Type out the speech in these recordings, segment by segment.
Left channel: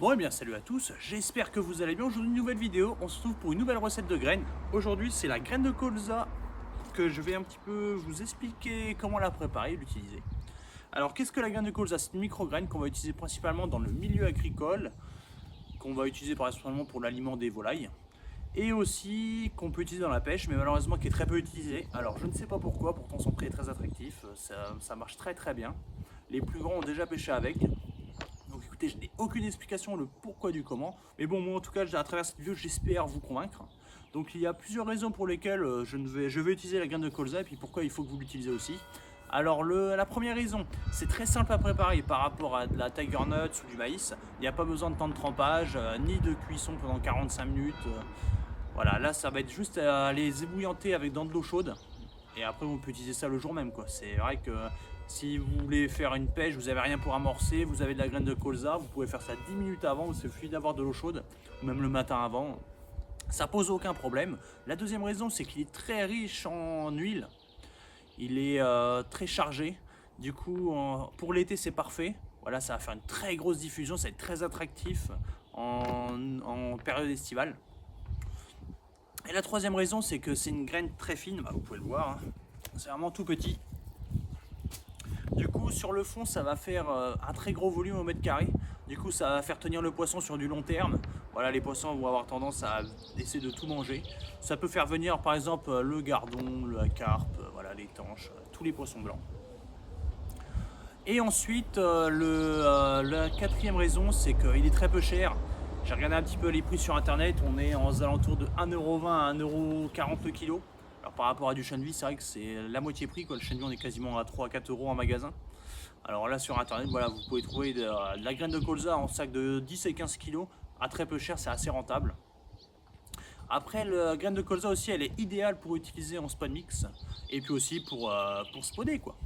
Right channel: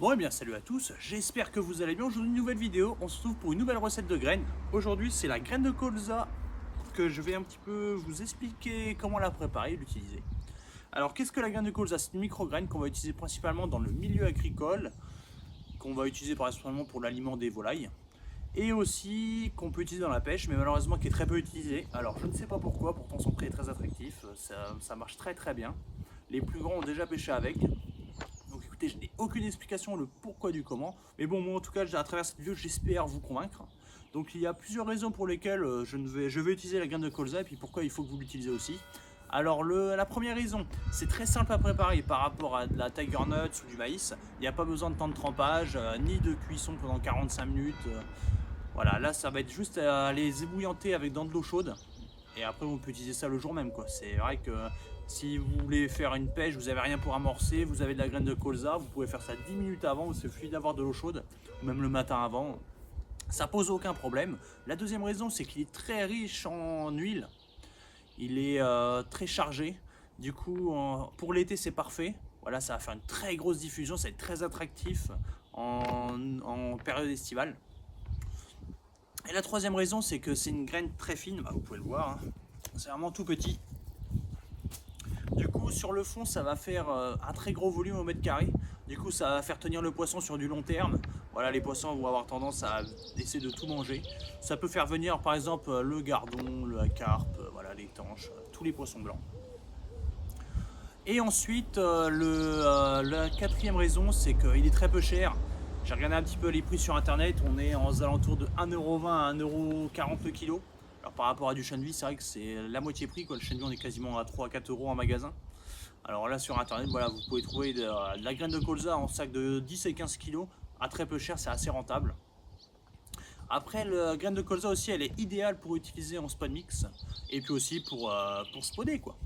Bon et bien salut à tous, j'espère que vous allez bien. Aujourd'hui une nouvelle vidéo, on se retrouve pour une nouvelle recette de graines. Aujourd'hui c'est la graine de colza que je vais un petit peu vous expliquer comment la préparer et l'utiliser. Alors qu'est-ce que la graine de colza? C'est une micro-graine qu'on va utiliser principalement dans le milieu agricole, qu'on va utiliser principalement pour l'aliment des volailles. Et aussi qu'on peut utiliser dans la pêche, mais malheureusement qui est très peu utilisé. Alors je ne sais pas pourquoi, pourtant son prix est très attractif, ça marche très bien. Les plus grands ont déjà pêché avec. Donc écoutez, je n'ai aucune explication le pourquoi du comment. Mais bon, moi en tout cas, à travers cette vidéo, j'espère vous convaincre. Donc il y a plusieurs raisons pour lesquelles je vais utiliser la graine de colza et puis pourquoi il faut que vous l'utilisez aussi. Alors la première raison, c'est très simple à préparer par rapport à de la tiger nuts ou du maïs. Il n'y a pas besoin de temps de trempage, ni de cuisson pendant 45 minutes. Voilà, là ça va être juste à les ébouillanter avec dans de l'eau chaude. Et après on peut utiliser ça le jour même quoi. C'est vrai que si vous voulez faire une pêche, vous n'avez rien pour amorcer, vous avez de la graine de colza, vous pouvez faire ça 10 minutes avant, il suffit d'avoir de l'eau chaude, ou même le matin avant. Ça pose aucun problème. La deuxième raison, c'est qu'il est très riche en huile. Il est très chargé. Du coup, pour l'été, c'est parfait. Voilà, ça va faire une très grosse diffusion, ça va être très attractif en période estivale. Et la troisième raison, c'est que c'est une graine très fine, vous pouvez le voir, hein. C'est vraiment tout petit. Du coup, sur le fond, ça va faire un très gros volume au mètre carré. Du coup, ça va faire tenir le poisson sur du long terme. Voilà, les poissons vont avoir tendance à essayer de tout manger. Ça peut faire venir, par exemple, le gardon, la carpe, voilà, les tanches, tous les poissons blancs. Et ensuite, la quatrième raison, c'est qu'il est très peu cher. J'ai regardé un petit peu les prix sur internet, on est aux alentours de 1,20 € à 1,40 € le kilo. Alors par rapport à du chènevis, c'est vrai que c'est la moitié prix, quoi. Le chènevis on est quasiment à 3 à 4 € en magasin. Alors là sur internet, voilà, vous pouvez trouver de la graine de colza en sac de 10 et 15 kg à très peu cher, c'est assez rentable. Après, la graine de colza aussi, elle est idéale pour utiliser en spot mix et puis aussi pour spoder quoi.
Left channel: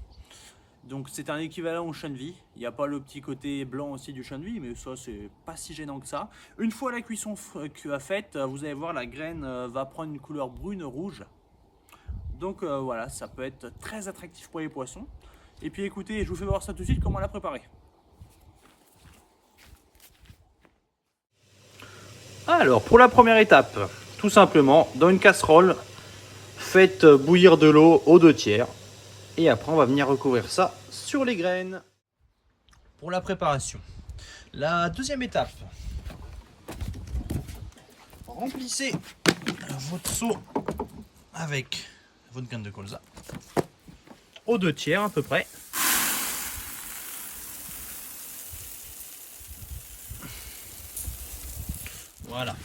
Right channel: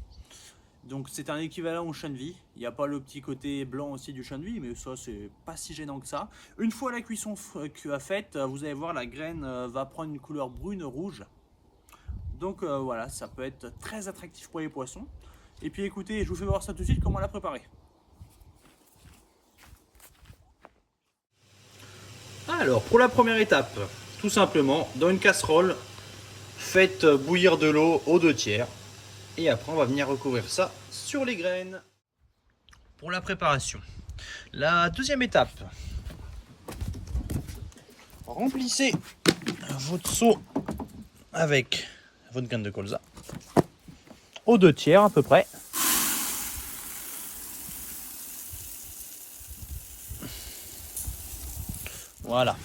Donc c'est un équivalent au chènevis. Il n'y a pas le petit côté blanc aussi du chènevis, mais ça c'est pas si gênant que ça. Une fois la cuisson faite, vous allez voir la graine va prendre une couleur brune rouge. Donc voilà, ça peut être très attractif pour les poissons. Et puis écoutez, je vous fais voir ça tout de suite, comment la préparer. Alors pour la première étape, tout simplement, dans une casserole, faites bouillir de l'eau aux 2/3. Et après on va venir recouvrir ça sur les graines. Pour la préparation, la deuxième étape, remplissez votre seau avec votre graine de colza aux 2/3 à peu près. Voilà.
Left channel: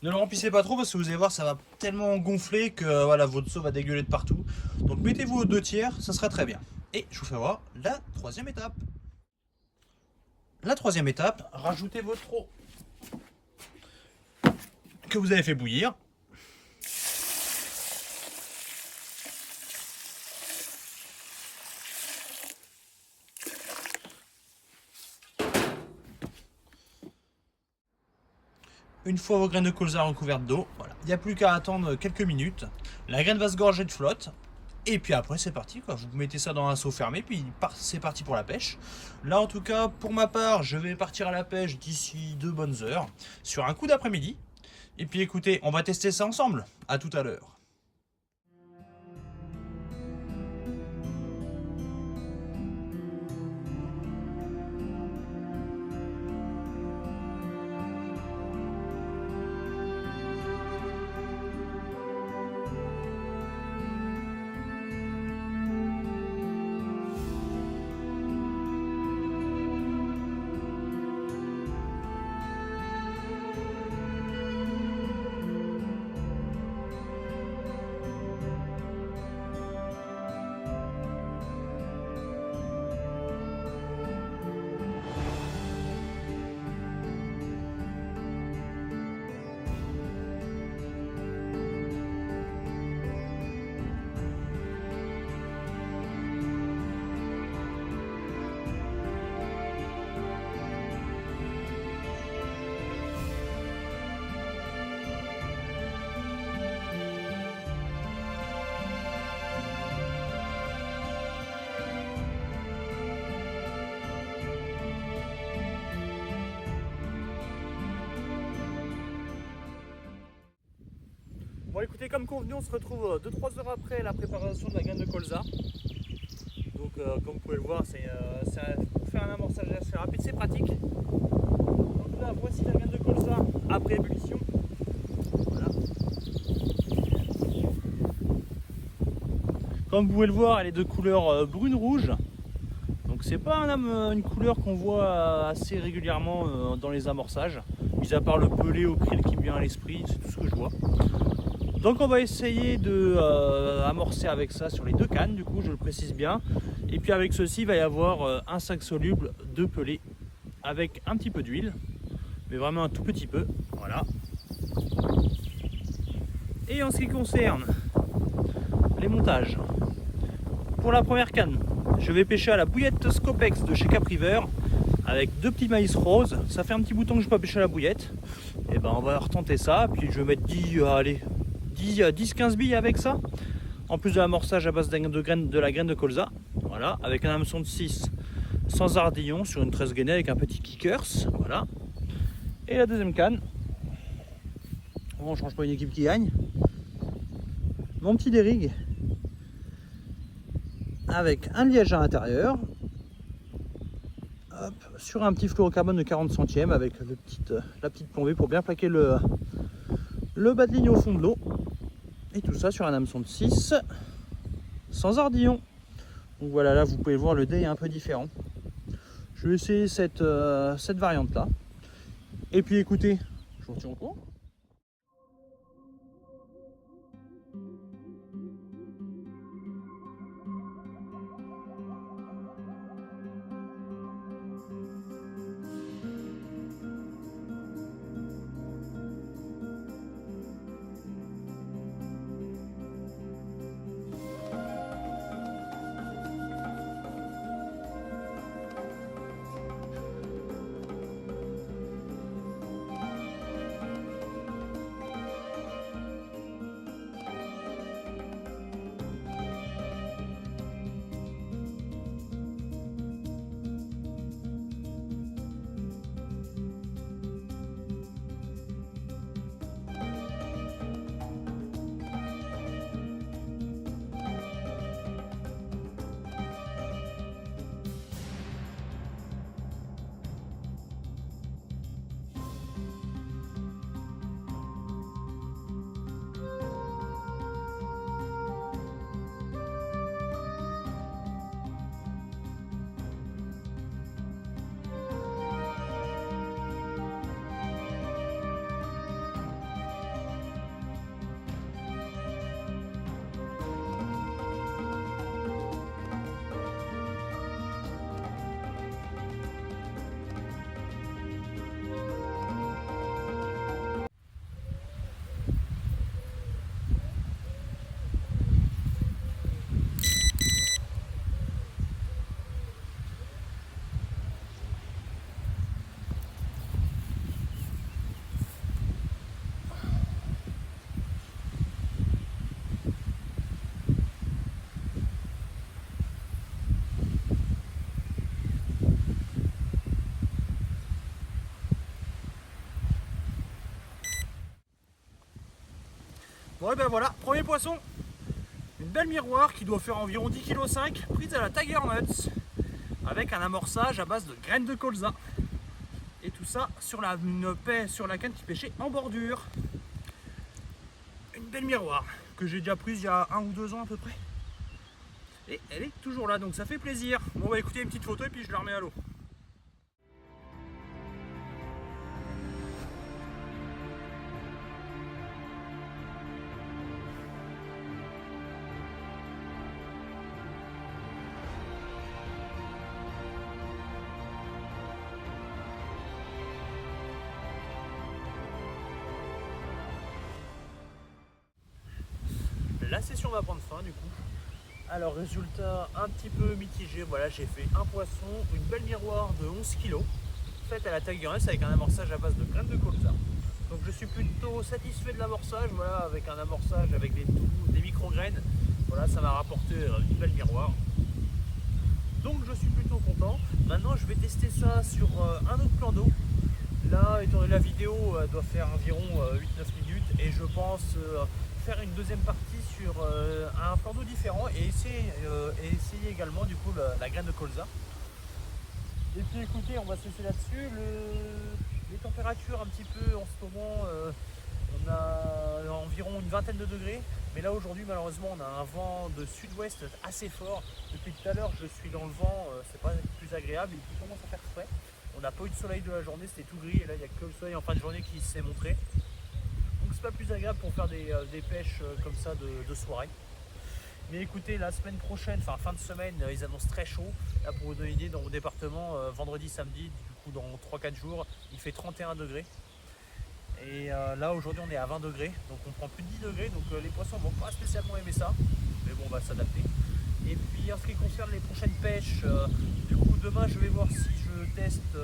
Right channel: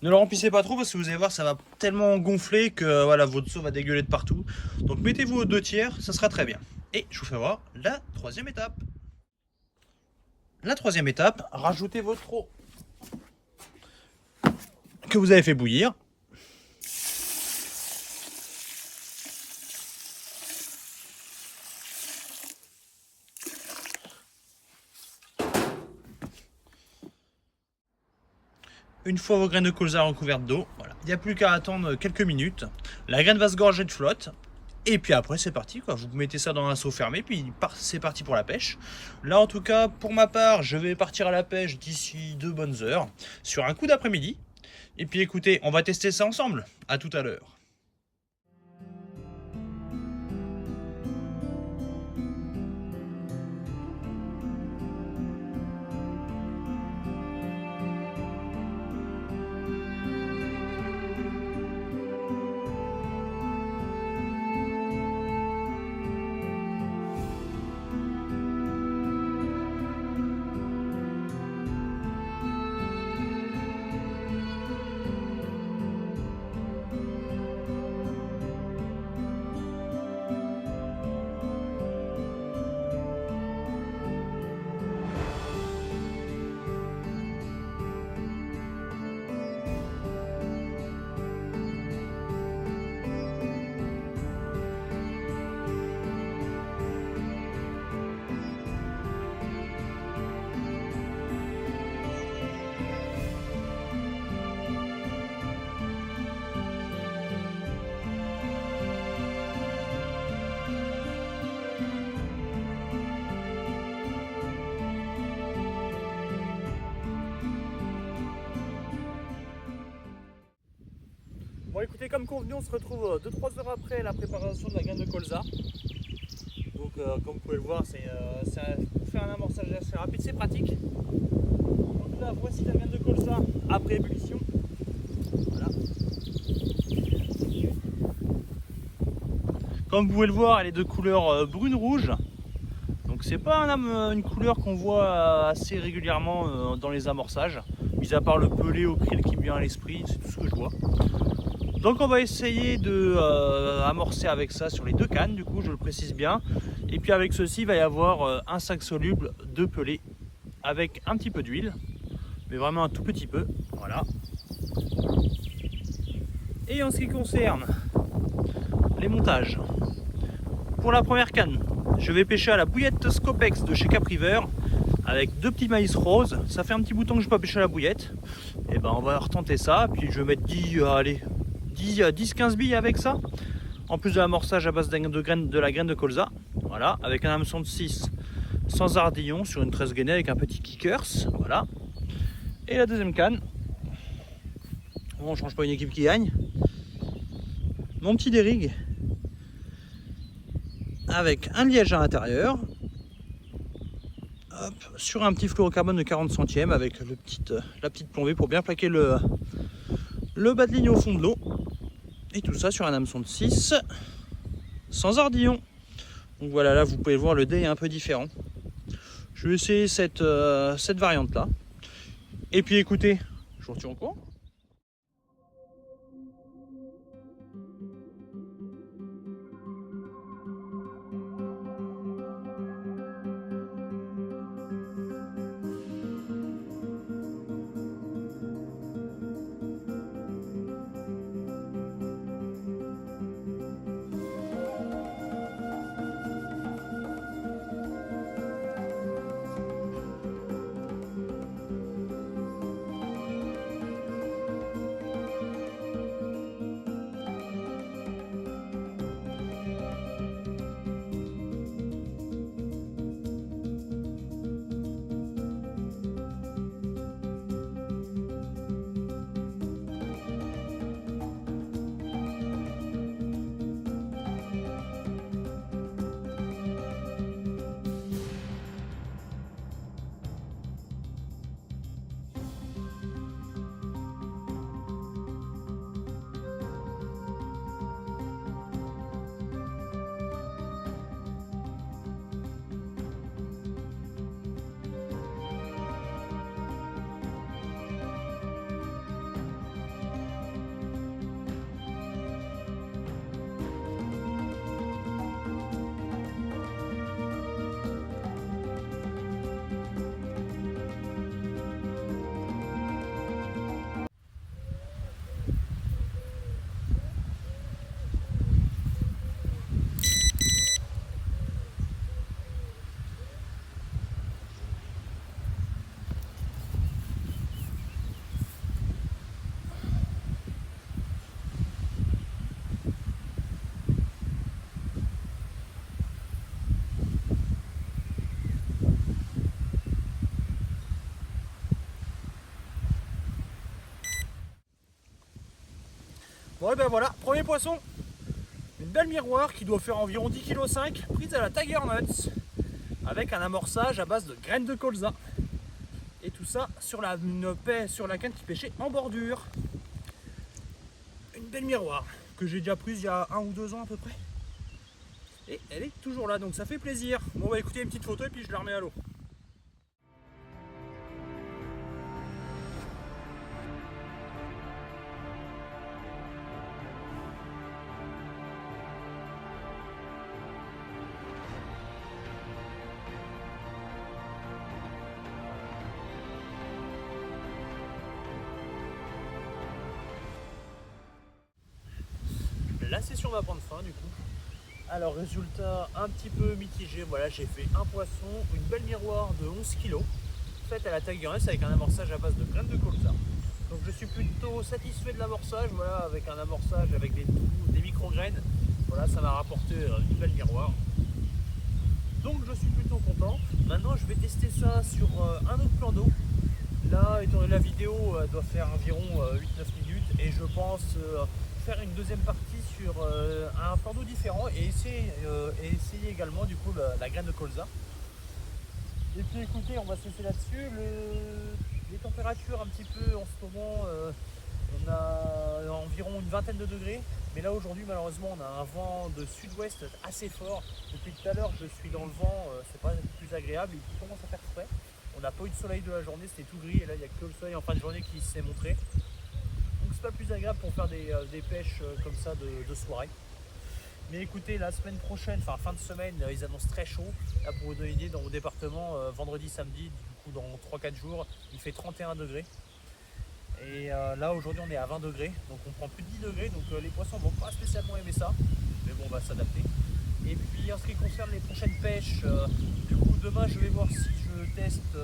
Ne le remplissez pas trop parce que vous allez voir ça va tellement gonfler que voilà, votre seau va dégueuler de partout. Donc mettez-vous aux 2/3, ça sera très bien. Et je vous fais voir la troisième étape. La troisième étape, rajoutez votre eau que vous avez fait bouillir. Une fois vos graines de colza recouvertes d'eau, voilà, il n'y a plus qu'à attendre quelques minutes. La graine va se gorger de flotte. Et puis après c'est parti quoi, vous mettez ça dans un seau fermé, puis c'est parti pour la pêche. Là en tout cas pour ma part je vais partir à la pêche d'ici 2 bonnes heures, sur un coup d'après-midi. Et puis écoutez, on va tester ça ensemble, à tout à l'heure. Bon écoutez, comme convenu, on se retrouve 2-3 heures après la préparation de la graine de colza. Donc comme vous pouvez le voir, pour faire un amorçage assez rapide, c'est pratique. Donc là, voici la graine de colza après ébullition. Voilà. Comme vous pouvez le voir, elle est de couleur brune-rouge. Donc c'est pas une couleur qu'on voit assez régulièrement dans les amorçages. Mis à part le pelé au krill qui me vient à l'esprit, c'est tout ce que je vois. Donc on va essayer de amorcer avec ça sur les 2 cannes, du coup je le précise bien. Et puis avec ceci, il va y avoir un sac soluble de pelé avec un petit peu d'huile, mais vraiment un tout petit peu, voilà. Et en ce qui concerne les montages, pour la première canne, je vais pêcher à la bouillette Scopex de chez Capriver avec 2 petits maïs roses. Ça fait un petit bouton que je n'ai pas pêché à la bouillette. Et ben on va retenter ça, puis je vais mettre 10-15 billes avec ça. En plus de l'amorçage à base de la graine de colza. Voilà, avec un hameçon de 6 sans ardillon sur une 13 gainée avec un petit kickers. Voilà. Et la deuxième canne. Bon, on ne change pas une équipe qui gagne. Mon petit dérigue avec un liège à l'intérieur. Hop, sur un petit fluorocarbone de 40 centièmes avec la petite plombée pour bien plaquer le bas de ligne au fond de l'eau. Et tout ça sur un hameçon de 6 sans ardillon. Donc voilà, là vous pouvez voir, le dé est un peu différent. Je vais essayer cette variante là. Et puis écoutez, je vous retiens au courant. Bon et ben voilà, premier poisson, une belle miroir qui doit faire environ 10,5 kg, prise à la Tiger Nuts, avec un amorçage à base de graines de colza. Et tout ça sur la canne qui pêchait en bordure. Une belle miroir que j'ai déjà prise il y a 1 ou 2 ans à peu près. Et elle est toujours là, donc ça fait plaisir. Bon bah écoutez, une petite photo et puis je la remets à l'eau. La session va prendre fin du coup. Alors résultat un petit peu mitigé, voilà, j'ai fait un poisson, une belle miroir de 11 kg, faite à la Tiger Nuts avec un amorçage à base de graines de colza. Donc je suis plutôt satisfait de l'amorçage, voilà, avec un amorçage avec des micro-graines. Voilà, ça m'a rapporté une belle miroir. Donc je suis plutôt content. Maintenant je vais tester ça sur un autre plan d'eau. Là, étant donné la vidéo doit faire environ 8-9 minutes et je pense faire une deuxième partie sur un plan d'eau différent et essayer également du coup la graine de colza. Et puis écoutez, on va se laisser là-dessus. Les températures un petit peu en ce moment, on a environ une vingtaine de degrés. Mais là aujourd'hui malheureusement on a un vent de sud-ouest assez fort. Depuis tout à l'heure je suis dans le vent, c'est pas plus agréable, il commence à faire frais. On n'a pas eu de soleil de la journée, c'était tout gris et là il n'y a que le soleil en fin de journée qui s'est montré. Donc c'est pas plus agréable pour faire des pêches comme ça de soirée. Mais écoutez, la semaine prochaine, enfin fin de semaine, ils annoncent très chaud. Là pour vous donner une idée, dans mon département, vendredi, samedi, du coup dans 3-4 jours, il fait 31 degrés. Et là aujourd'hui on est à 20 degrés, donc on prend plus de 10 degrés, donc les poissons vont pas spécialement aimer ça. Mais bon, on va s'adapter. Et puis en ce qui concerne les prochaines pêches, du coup demain je vais voir si je teste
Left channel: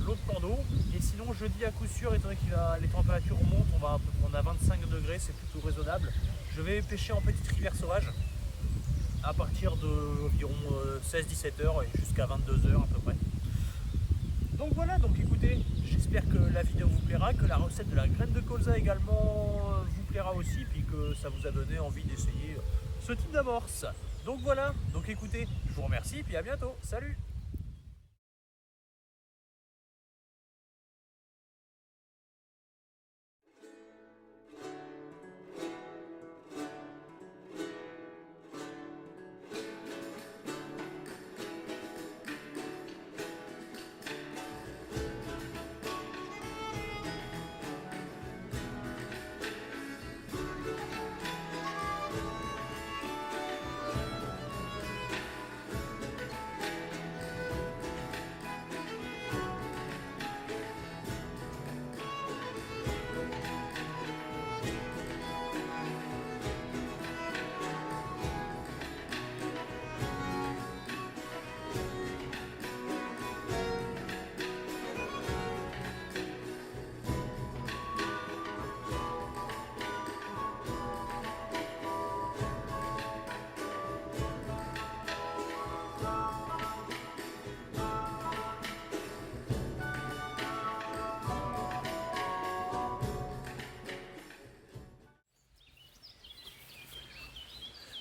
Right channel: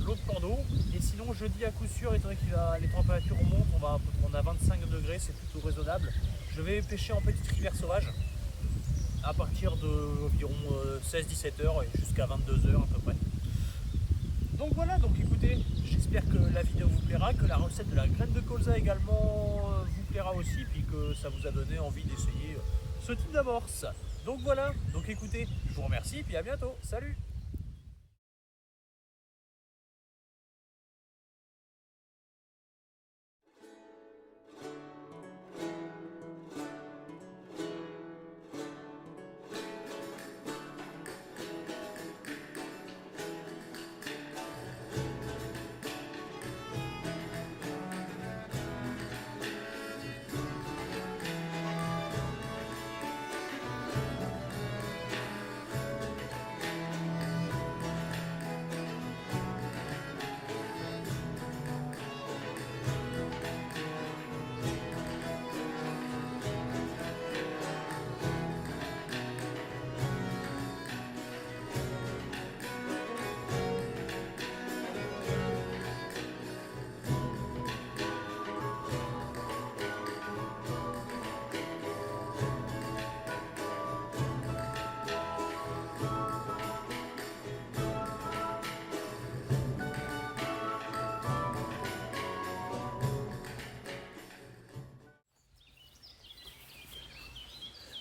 l'autre plan d'eau. Et sinon jeudi à coup sûr, étant donné que les températures remontent, on a 25 degrés, c'est plutôt raisonnable. Je vais pêcher en petite rivière sauvage à partir d'environ 16-17 heures et jusqu'à 22 heures à peu près. Donc voilà, donc écoutez, j'espère que la vidéo vous plaira, que la recette de la graine de colza également vous plaira aussi, puis que ça vous a donné envie d'essayer ce type d'amorce. Donc voilà, donc écoutez, je vous remercie, puis à bientôt, salut!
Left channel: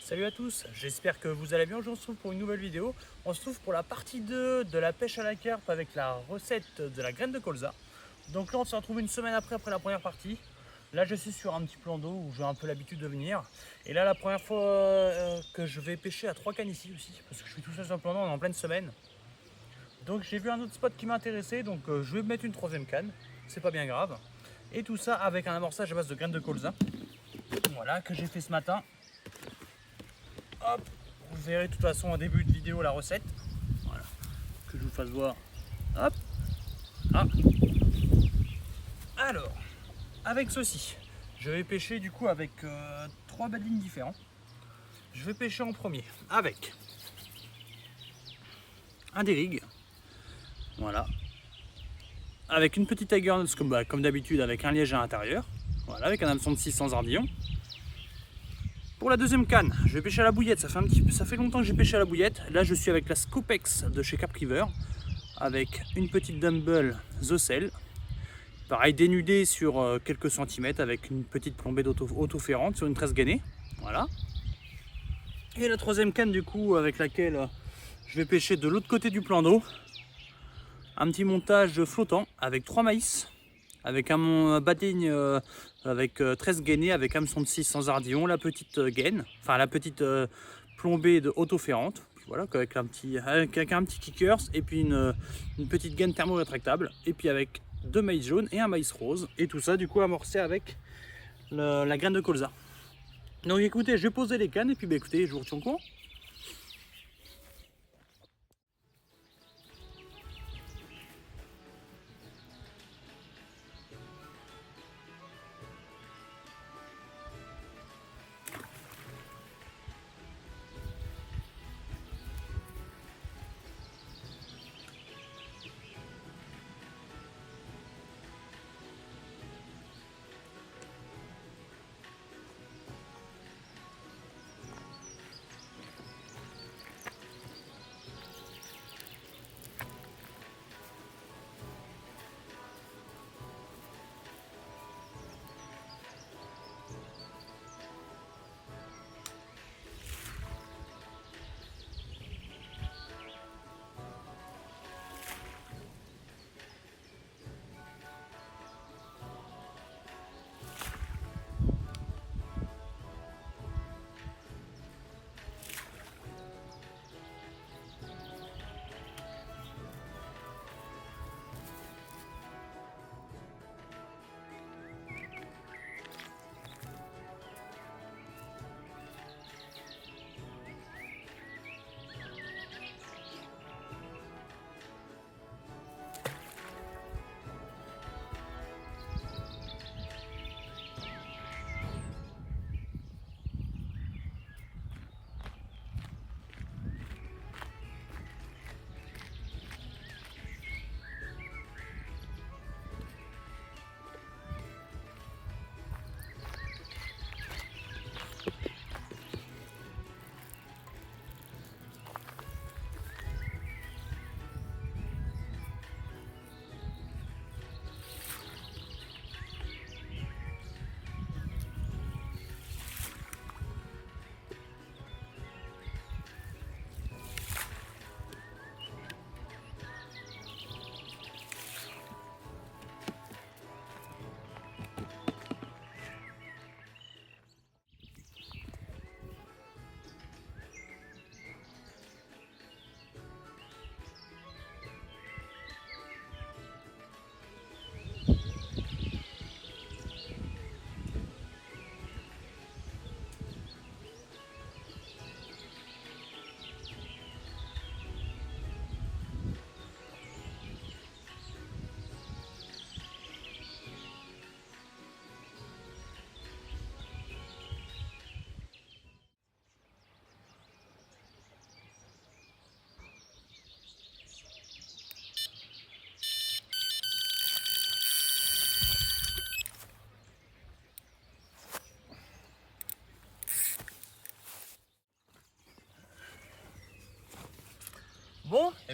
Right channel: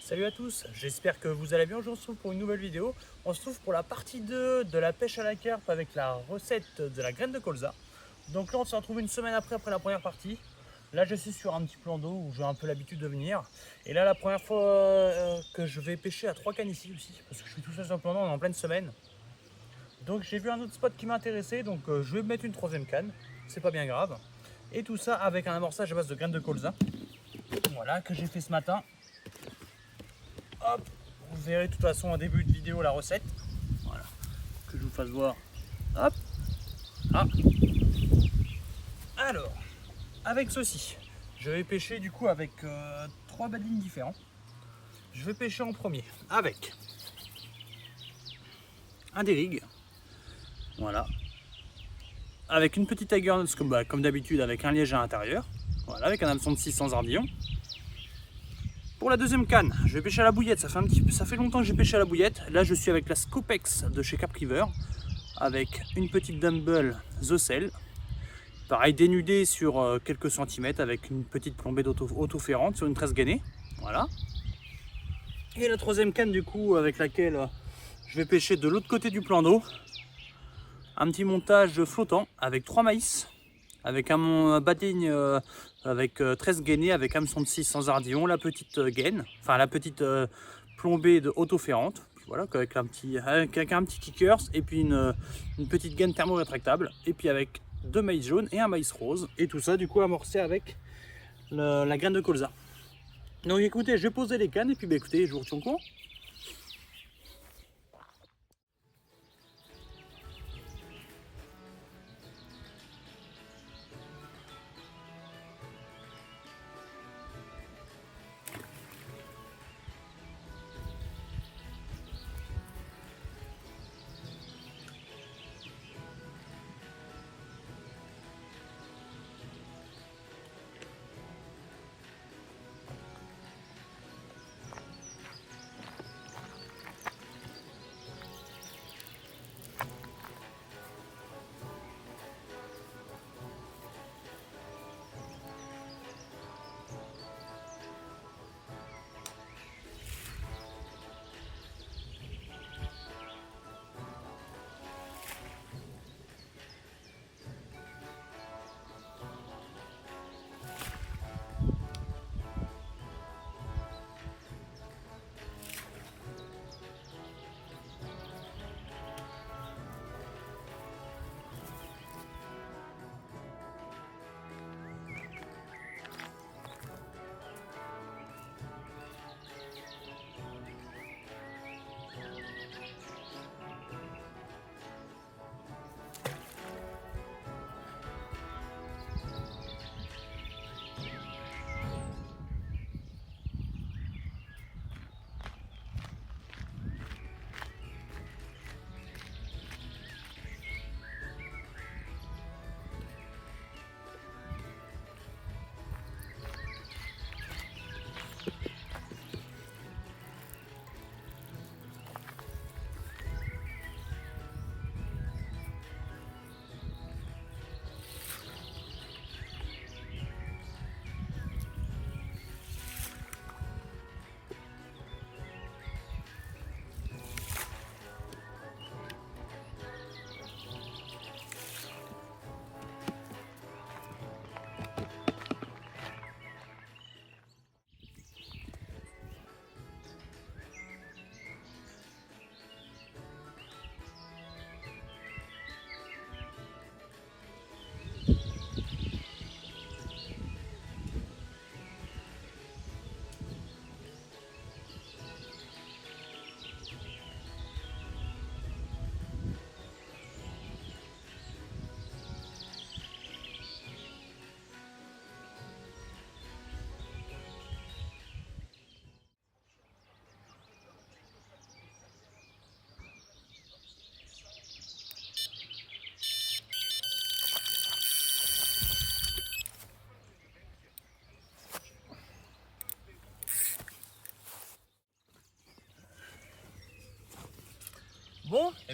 Salut à tous, j'espère que vous allez bien. Aujourd'hui on se retrouve pour une nouvelle vidéo. On se trouve pour la partie 2 de la pêche à la carpe avec la recette de la graine de colza. Donc là on se retrouve une semaine après la première partie. Là je suis sur un petit plan d'eau où j'ai un peu l'habitude de venir. Et là la première fois que je vais pêcher à 3 cannes ici aussi, parce que je suis tout seul sur le plan d'eau, on est en pleine semaine. Donc j'ai vu un autre spot qui m'intéressait, donc je vais mettre une 3e canne, c'est pas bien grave. Et tout ça avec un amorçage à base de graines de colza. Voilà, que j'ai fait ce matin. Hop, vous verrez de toute façon au début de vidéo la recette. Voilà, que je vous fasse voir. Hop, ah. Alors, avec ceci, je vais pêcher du coup avec 3 badines différents. Je vais pêcher en premier avec un dérigue, voilà, avec une petite Tiger comme d'habitude avec un liège à l'intérieur, voilà, avec un hameçon de 600 ardillons. Pour la 2e canne, je vais pêcher à la bouillette. Ça fait longtemps que j'ai pêché à la bouillette. Là, je suis avec la Scopex de chez Capriver, avec une petite Dumble Zocel. Pareil, dénudée sur quelques centimètres, avec une petite plombée d'auto-ferrante sur une tresse gainée. Voilà. Et la 3e canne, du coup, avec laquelle je vais pêcher de l'autre côté du plan d'eau. Un petit montage flottant avec 3 maïs, avec un badigne avec 13 gainés, avec hameçon de 6 sans ardillon, la petite gaine, enfin la petite plombée de auto-ferrante, voilà, avec un petit kickers et puis une petite gaine thermo-rétractable, et puis avec 2 maïs jaunes et un maïs rose, et tout ça du coup amorcé avec la graine de colza. Donc écoutez, je vais poser les cannes et puis bah, écoutez, je vous retiens au courant.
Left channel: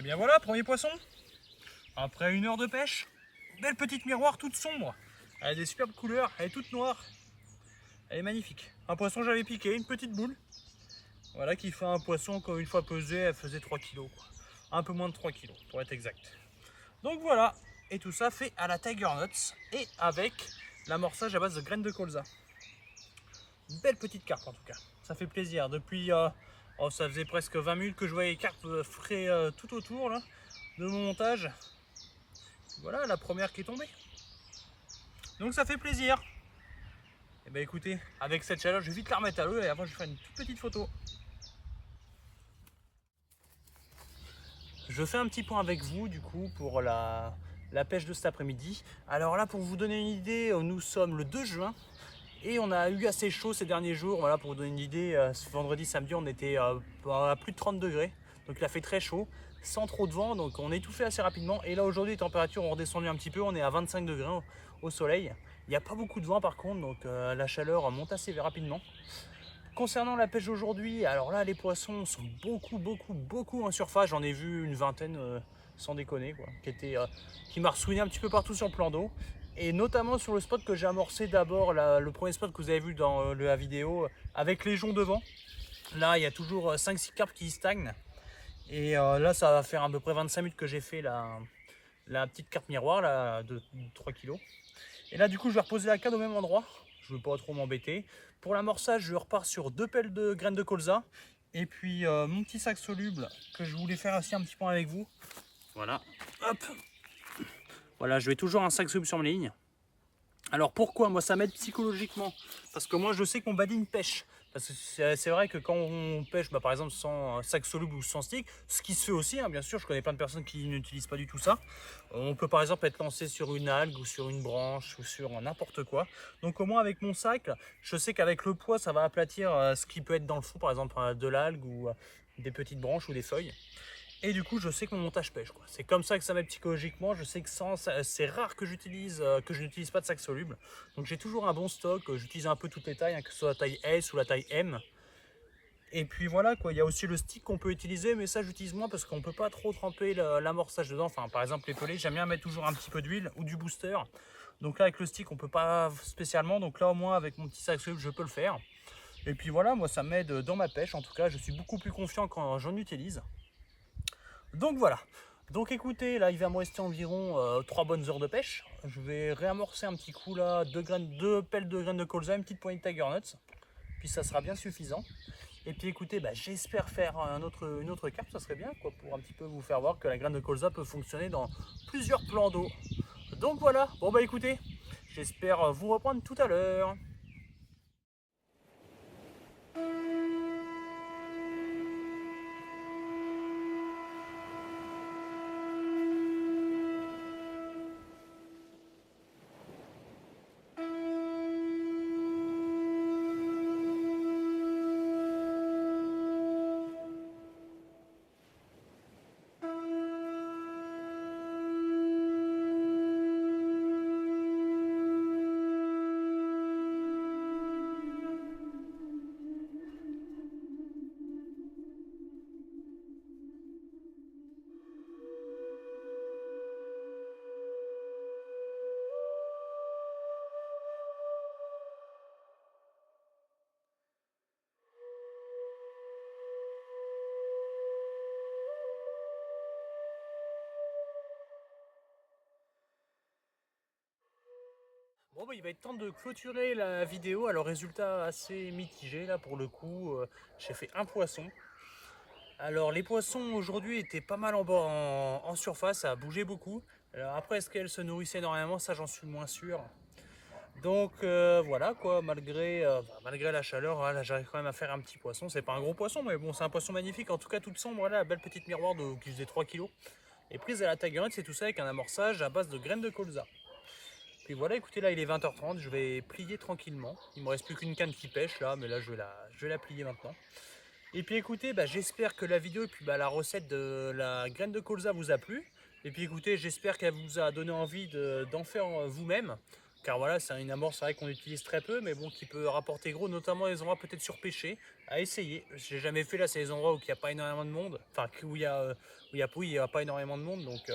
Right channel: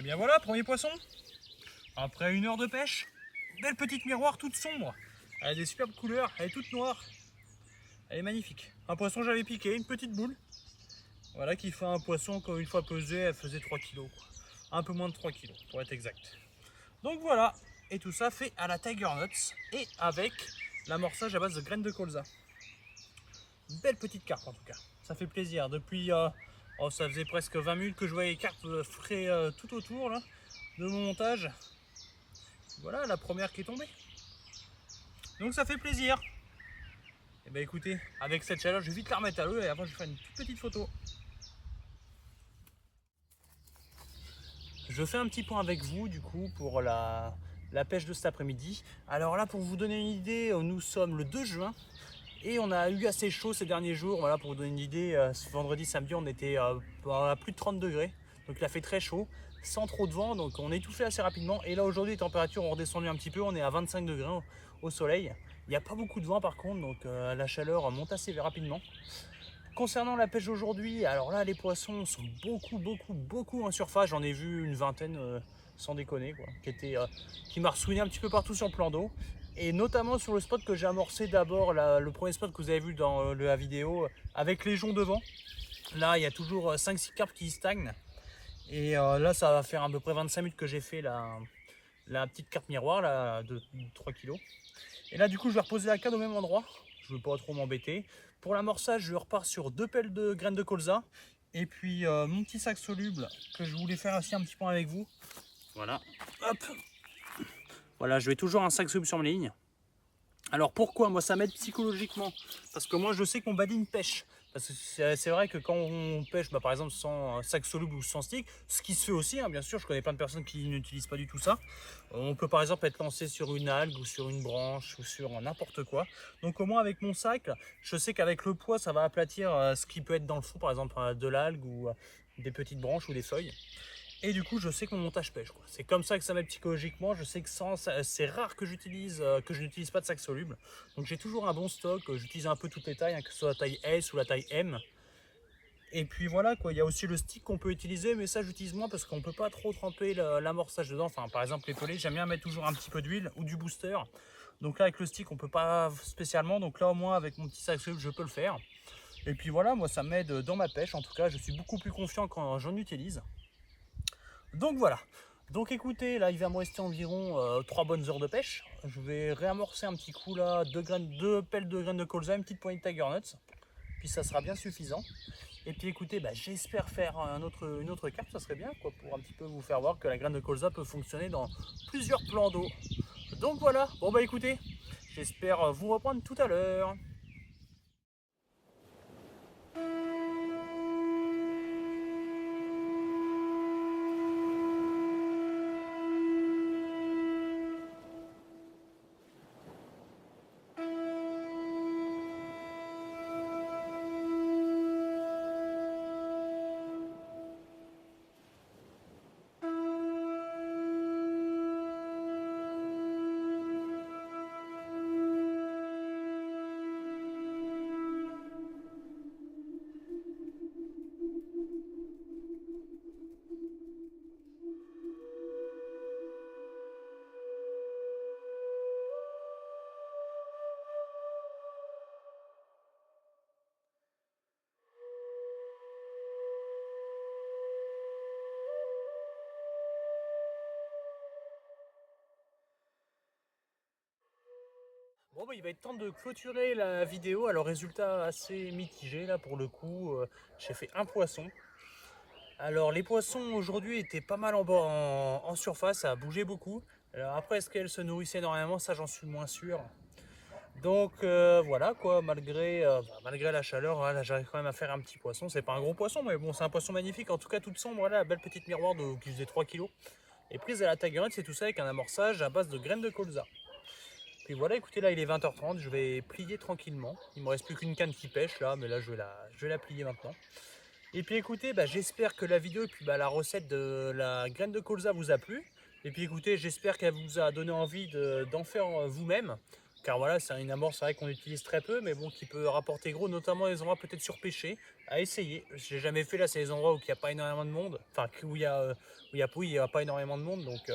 Et bien voilà, premier poisson. Après 1 heure de pêche, belle petite miroir toute sombre. Elle a des superbes couleurs, elle est toute noire. Elle est magnifique. Un poisson j'avais piqué, une petite boule. Voilà qui fait un poisson, quand une fois pesé, elle faisait 3 kg. Un peu moins de 3 kg pour être exact. Donc voilà, et tout ça fait à la Tiger Nuts et avec l'amorçage à base de graines de colza. Une belle petite carpe en tout cas, ça fait plaisir. Depuis, ça faisait presque 20 minutes que je voyais les carpes frais tout autour là, de mon montage. Voilà la première qui est tombée. Donc ça fait plaisir. Et ben écoutez, avec cette chaleur, je vais vite la remettre à l'eau et avant je vais faire une toute petite photo. Je fais un petit point avec vous du coup pour la pêche de cet après-midi. Alors là, pour vous donner une idée, nous sommes le 2 juin et on a eu assez chaud ces derniers jours. Voilà, pour vous donner une idée, ce vendredi, samedi, on était à plus de 30 degrés. Donc il a fait très chaud, sans trop de vent, donc on étouffait assez rapidement. Et là aujourd'hui, les températures ont redescendu un petit peu, on est à 25 degrés au soleil. Il n'y a pas beaucoup de vent par contre, donc la chaleur monte assez rapidement. Concernant la pêche aujourd'hui, alors là les poissons sont beaucoup en surface. J'en ai vu une vingtaine sans déconner quoi, qui m'a ressouiné un petit peu partout sur le plan d'eau. Et notamment sur le spot que j'ai amorcé d'abord, le premier spot que vous avez vu dans la vidéo avec les joncs devant. Là il y a toujours 5-6 carpes qui stagnent. Et là ça va faire à peu près 25 minutes que j'ai fait la petite carpe miroir là, de 3 kg. Et là du coup je vais reposer la canne au même endroit. Je ne veux pas trop m'embêter. Pour l'amorçage, je repars sur 2 pelles de graines de colza. Et puis mon petit sac soluble que je voulais faire aussi un petit point avec vous. Voilà. Hop. Voilà, je vais toujours un sac soluble sur mes lignes. Alors pourquoi? Moi ça m'aide psychologiquement. Parce que moi je sais qu'on badine pêche. Parce que c'est vrai que quand on pêche, par exemple sans sac soluble ou sans stick, ce qui se fait aussi, bien sûr, je connais plein de personnes qui n'utilisent pas du tout ça. On peut par exemple être lancé sur une algue ou sur une branche ou sur n'importe quoi. Donc au moins avec mon sac, je sais qu'avec le poids, ça va aplatir ce qui peut être dans le fond, par exemple de l'algue ou des petites branches ou des feuilles. Et du coup, je sais que mon montage pêche. C'est comme ça que ça m'aide psychologiquement. Je sais que c'est rare que je n'utilise pas de sac soluble. Donc j'ai toujours un bon stock. J'utilise un peu toutes les tailles, que ce soit la taille S ou la taille M. Et puis voilà quoi. Il y a aussi le stick qu'on peut utiliser, mais ça j'utilise moins parce qu'on ne peut pas trop tremper l'amorçage dedans. Enfin, par exemple les pelés, j'aime bien mettre toujours un petit peu d'huile ou du booster. Donc là avec le stick, on peut pas spécialement. Donc là au moins avec mon petit sac soluble, je peux le faire. Et puis voilà, moi ça m'aide dans ma pêche. En tout cas, je suis beaucoup plus confiant quand j'en utilise. Donc voilà, donc écoutez, là il va me rester environ 3 bonnes heures de pêche. Je vais réamorcer un petit coup là, 2 pelles de graines de colza, une petite poignée de Tiger Nuts. Puis ça sera bien suffisant. Et puis écoutez, j'espère faire une autre carpe, ça serait bien quoi, pour un petit peu vous faire voir que la graine de colza peut fonctionner dans plusieurs plans d'eau. Donc voilà, bon écoutez, j'espère vous reprendre tout à l'heure. Bon il va être temps de clôturer la vidéo. Alors résultat assez mitigé là pour le coup. J'ai fait un poisson. Alors les poissons aujourd'hui étaient pas mal en surface, ça a bougé beaucoup. Alors après est-ce qu'elles se nourrissaient énormément, ça j'en suis moins sûr. Donc voilà quoi, malgré la chaleur, voilà, j'arrive quand même à faire un petit poisson. C'est pas un gros poisson mais bon c'est un poisson magnifique. En tout cas toute sombre, voilà, la belle petite miroir qui faisait 3 kg. Et prise à la Tiger Nuts, c'est tout ça avec un amorçage à base de graines de colza. Puis voilà, écoutez, là il est 20h30, je vais plier tranquillement. Il me reste plus qu'une canne qui pêche là, mais là je vais la plier maintenant. Et puis écoutez, j'espère que la vidéo et puis la recette de la graine de colza vous a plu. Et puis écoutez, j'espère qu'elle vous a donné envie d'en faire vous-même. car voilà, c'est une amorce, c'est vrai qu'on utilise très peu, mais bon, qui peut rapporter gros, notamment les endroits peut-être surpêchés, à essayer. J'ai jamais fait, là, c'est les endroits où il n'y a pas énormément de monde, enfin, où il y a pas énormément de monde, donc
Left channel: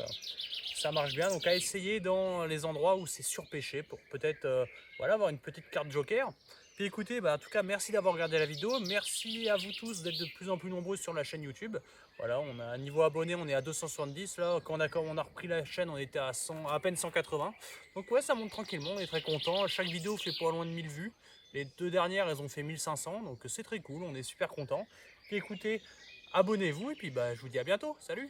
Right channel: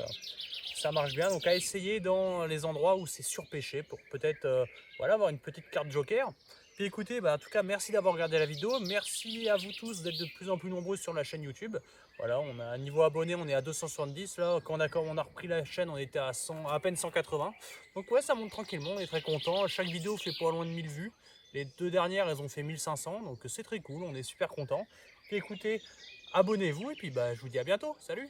ça marche bien. Donc à essayer dans les endroits où c'est surpêché pour peut-être voilà, avoir une petite carte joker. Puis écoutez, bah, en tout cas, merci d'avoir regardé la vidéo. Merci à vous tous d'être de plus en plus nombreux sur la chaîne YouTube. Voilà, on a un niveau abonné, on est à 270. Là, quand on a repris la chaîne, on était à 100, à peine 180. Donc ouais, ça monte tranquillement, on est très content. Chaque vidéo fait pas loin de 1000 vues. Les 2 dernières, elles ont fait 1500. Donc c'est très cool, on est super content. Puis écoutez, abonnez-vous et puis bah, je vous dis à bientôt. Salut!